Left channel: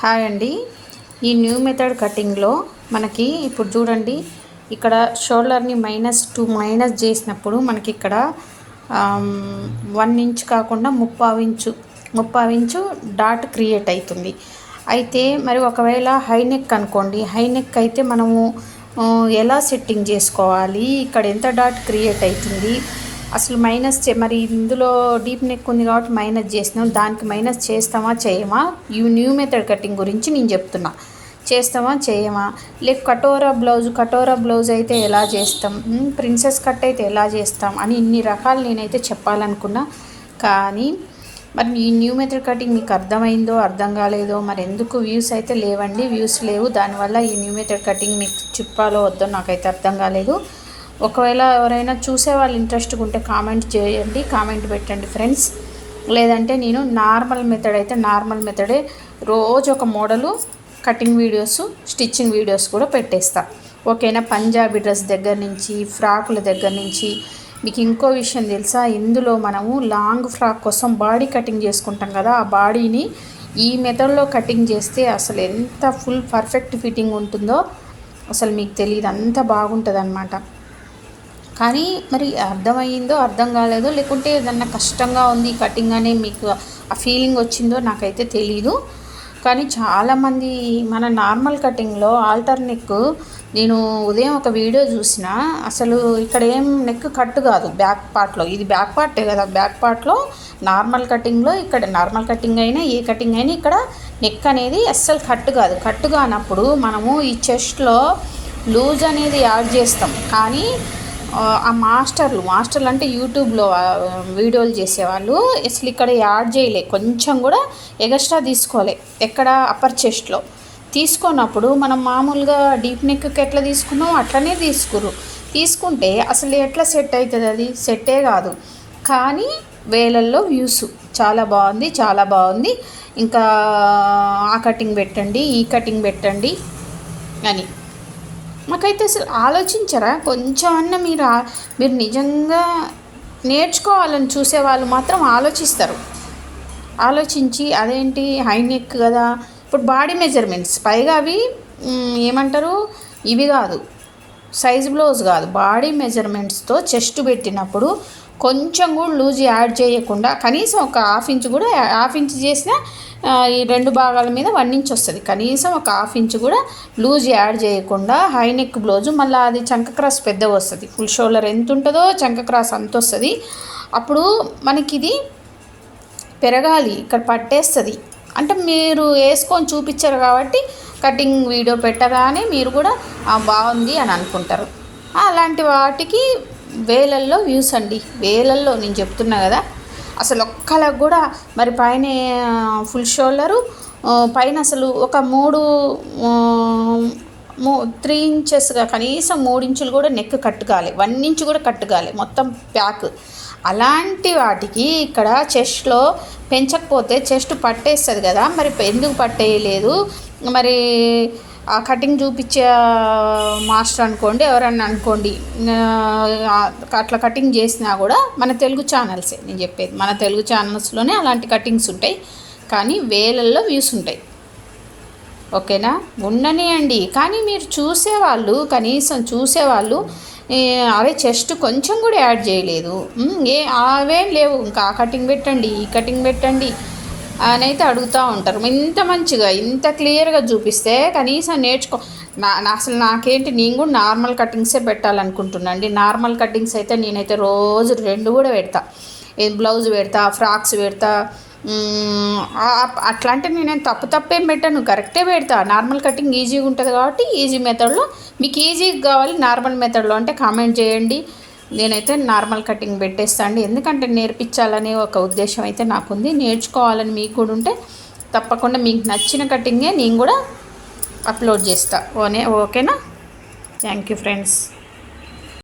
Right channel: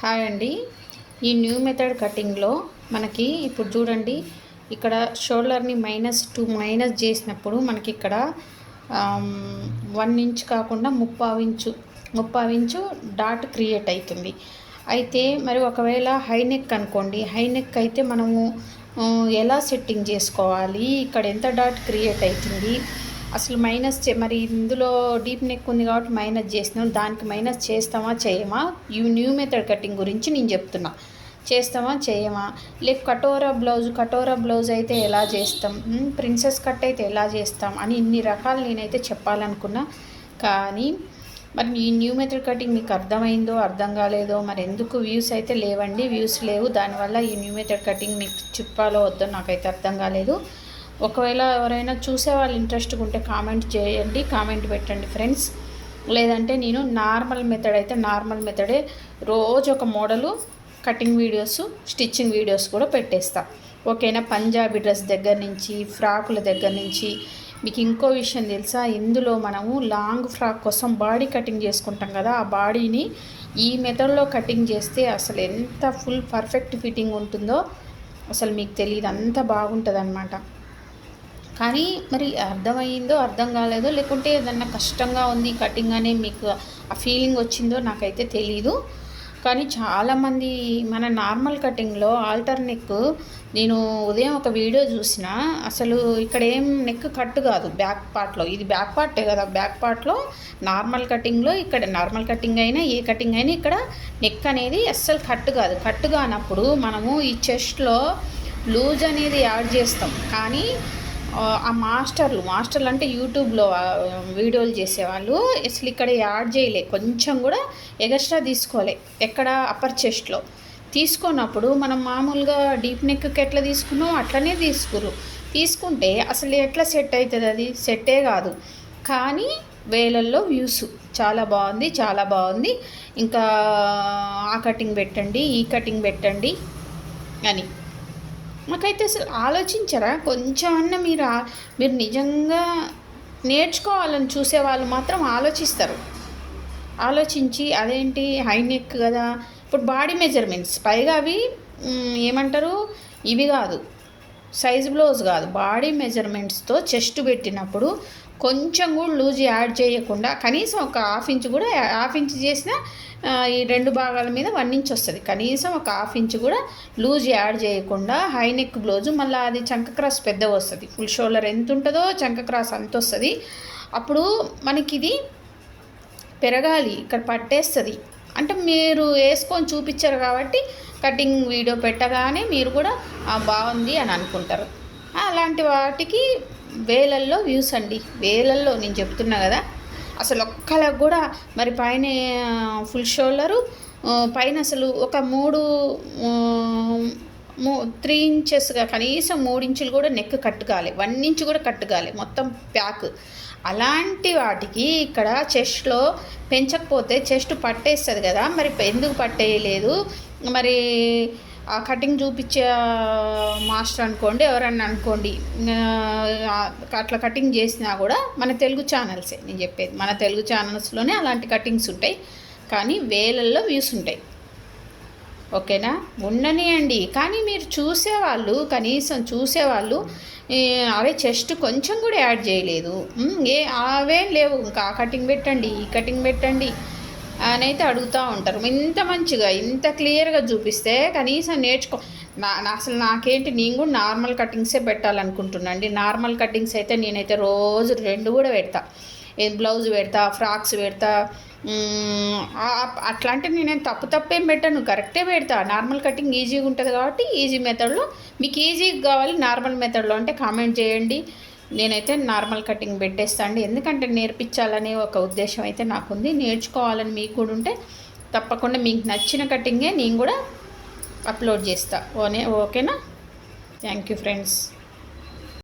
Hi అండి. ఈ new method కటింగ్లో మనకి ఇప్పుడు చూడండి, ఇక్కడ షోల్డర్ని -2 చేసినప్పుడు మనకి ఇక్కడ 1 ఇంచ్ కాకుండా 3/4 ఇంచు డాట్ క్రియేట్ అవుతుంది. అయితే మరి ఒకవేళ హై నెక్ అనుకోండి, హై నెక్ అయితే మనము ఎలా సెట్టింగ్ చేసుకోవాలి, ఇక్కడ ఎంత డాట్ క్రియేట్ అవుతుంది, అసలు మరి ఇందులో డీప్ నెక్ ఉంది కాబట్టి మైనస్ చేసినాం, దానికి మైనస్ చేస్తామా చేయమా, ఈ న్యూ మెథడ్ కటింగ్ గురించి నేను చెప్తున్నా. చేస్తామా చేయమా, లేక కటోరా బ్లౌజ్ అయితే ఎలా చేస్తాం, ప్రిన్సెస్ కట్ అయితే ఎలా చేస్తాం అని ఇన్ని రకాలు నేనైతే చెప్పాలనుకున్నా. కానీ మరి ఈ న్యూ మెథడ్ కటింగ్ మీకు అర్థమైందో అర్థం కాలేదో, మరి ఎందుకు వ్యూస్ అయితే లేవండి, వ్యూస్ లేవు. దానివల్ల ఈ న్యూ మెథడ్ కటింగ్ మీకు చెప్పాలో వద్దో నాకైతే అర్థం కాలేదు. ఒకవేళ ఎవరైనా చూసే వాళ్ళు ఇంట్రెస్ట్గా ఉంటే కామెంట్ చేయండి, కామెంట్ పెట్టండి ఫ్రెండ్స్. లేదంటే నేను నార్మల్ మెథడే రోజు ఒక model cutting videos, stitching videos కూడా పెట్టేస్తా. ఓకేనా? పంజాబీ డ్రెస్ దగ్గర నుంచి, ఫ్రాకుల దగ్గర నుంచి. మీకు ఇంకో విషయం తెలుసా, ఇందులో మనము లాంగ్ ఫ్రాక్ కోసం బాడీ కటింగ్ చేసుకుంటాం కదా, ఆ బాడీని ఈ మెథడ్లో కటింగ్ చేస్తే అసలు ఎంత ఫుల్ పర్ఫెక్ట్ ఫిట్టింగ్ ఉంటుందో అసలు మీకు తెలియదు, అంత బాగుంటుంది అన్నమాట. కానీ మరి అర్థమయ్యిందో అర్థం కాలేదో, లేకుంటే ఏదన్నా కష్టంగా ఉంది కటింగ్ అని మీకు ఆ ఫీలింగ్ వచ్చిందో నాకైతే తెలీదు. కానీ చాలామంది మన నార్మల్ కటింగ్లో ఆల్టర్ నెక్, నేను ఉదయం ఒక వీడియో చూసిన, అసలు ఇక్కడ ఏం నెక్ కట్ కాదు బ్యాక్ పార్ట్లో, ఇది బ్యాక్ పార్టే కదా, బ్యాక్ పార్ట్లో నార్మల్ కటింగ్లో, ఇక్కడ నార్మల్ కటింగ్ అయినా ఏ కటింగ్ అయినా ఇక్కడ నెక్ అనేది అస్సలు కట్ కాదు. కట్ కానప్పుడు మనము ఈ చెస్ట్లో లూజ్ అనేది యాడ్ చేస్తాం. కానీ ఆ మాస్టర్లు అంటే యూట్యూబ్లో వీడియోలు చేసేవాళ్ళు అసలు ఇక్కడ యాడ్ చేయలే, కొంచెం కూడా ఎగస్ట్రా తీసుకోలే. ఎక్కడ అప్పర్ చెస్ట్లో తీసుకున్నప్పుడు మనం మామూలుగా డీప్ నెక్కి ఎట్లా తీసుకున్నామో అట్లనే తీసుకుంటే అసలు ఎట్లా సెట్ అవుతుంది, అది సెట్టే కాదు. కానీ వేలల్లో వ్యూస్, చాలా బాగుంది. ఇంకా ఆ కటింగ్ పెట్టండి, ఈ కటింగ్ పెట్టండి అని. మాకైతే అసలు ఆలోచించరా కొంచెం అన్న? మీరు నిజంగా నేర్చుకోవాలని చూసేవాళ్ళు మాత్రం ఆలోచించి అదేంటి హై నెక్ కదా, ఇప్పుడు బాడీ మెజర్మెంట్స్, పైగా అవి ఏమంటారు, ఇవి కాదు, సైజ్ బ్లౌజ్ కాదు, బాడీ మెజర్మెంట్స్తో చెస్ట్ పెట్టినప్పుడు కొంచెం కూడా లూజ్ యాడ్ చేయకుండా, కనీసం ఒక హాఫ్ ఇంచ్ చేసినా ఈ 2 భాగాల మీద 1 ఇంచ్ వస్తుంది, కనీసం ఒక హాఫ్ ఇంచ్ కూడా లూజ్ యాడ్ చేయకుండా హై నెక్ బ్లౌజు, మళ్ళీ అది చంక క్రాస్ పెద్దగా వస్తుంది, ఫుల్ షోల్డర్ ఎంత ఉంటుందో చంక క్రాస్ అంత వస్తుంది. అప్పుడు మనకి ఇది పెరగాలి, ఇక్కడ పట్టేస్తుంది. అంటే మీరు వేసుకొని చూపించారు కాబట్టి కటింగ్ వీడియో పెట్టగానే మీరు కూడా బాగుంది అని అనుకుంటారు. అలాంటి వాటికి వేలల్లో వ్యూస్ అండి, వేలల్లో. నేను చెప్తున్నా కదా, అసలు ఒక్కలకు కూడా మరి పైన ఫుల్ షోల్డరు, పైన అసలు ఒక 3 ఇంచెస్గా కనీసం 3 ఇంచులు కూడా నెక్ కట్టుకోవాలి, 1 ఇంచ్ కూడా కట్టుకోవాలి, మొత్తం ప్యాక్. అలాంటి వాటికి ఇక్కడ చెస్ట్లో పెంచకపోతే చెస్ట్ పట్టేస్తుంది కదా, మరి ఎందుకు పట్టేయలేదు? మరి ఆ కటింగ్ చూపించే మాస్టర్ అనుకోండి, ఎవరన్నా అనుకోండి, అట్లా కటింగ్ చేసినా కూడా మన తెలుగు ఛానల్సే నేను చెప్పేది, మన తెలుగు ఛానల్స్లోనే అలాంటి కటింగ్స్ ఉంటాయి. కానీ వేలల్లో వ్యూస్ ఉంటాయి. ఓకేనా? ఉండనియండి. కానీ మీరు కనీసం చూసేవాళ్ళు అవే చెస్ట్ కొంచెం కూడా యాడ్ చేయలేదు, అవేం లేవు, ఇంకా ఆ కటింగ్ పెట్టండి, ఈ కటింగ్ పెట్టండి అని అయితే అడుగుతూ ఉంటారు. ఇంత మంచిగా ఇంత క్లియర్గా చూపిస్తే కనీసం అసలు నాకేంటి, నేను కూడా నార్మల్ కటింగ్సే పెట్టాలనుకుంటున్నాను అండి. నార్మల్ కటింగ్స్ అయితే నేనైతే రోజు 2 కూడా పెడతా, బ్లౌజ్ పెడతా, ఫ్రాక్స్ పెడతా. అట్లా అంటే నేనేం తప్పేం పెట్టాను, కరెక్టే పెడతా. నార్మల్ కటింగ్ ఈజీగా ఉంటుంది కాబట్టి ఈజీ మెథడ్లో, మీకు ఈజీగా కావాలి నార్మల్ మెథడ్లో అంటే కామెంట్ చేయండి. నేనైతే నార్మల్ కటింగ్ పెట్టేస్తాను, ఎందుకంటే నేర్పించాలనే ఒక ఉద్దేశం అయితే నాకుంది. నేర్చుకోవాలని మీకు కూడా ఉంటే తప్పకుండా మీకు నచ్చిన కటింగే నేను కూడా అప్లోడ్ చేస్తా. ఓకేనా? Thank you friends.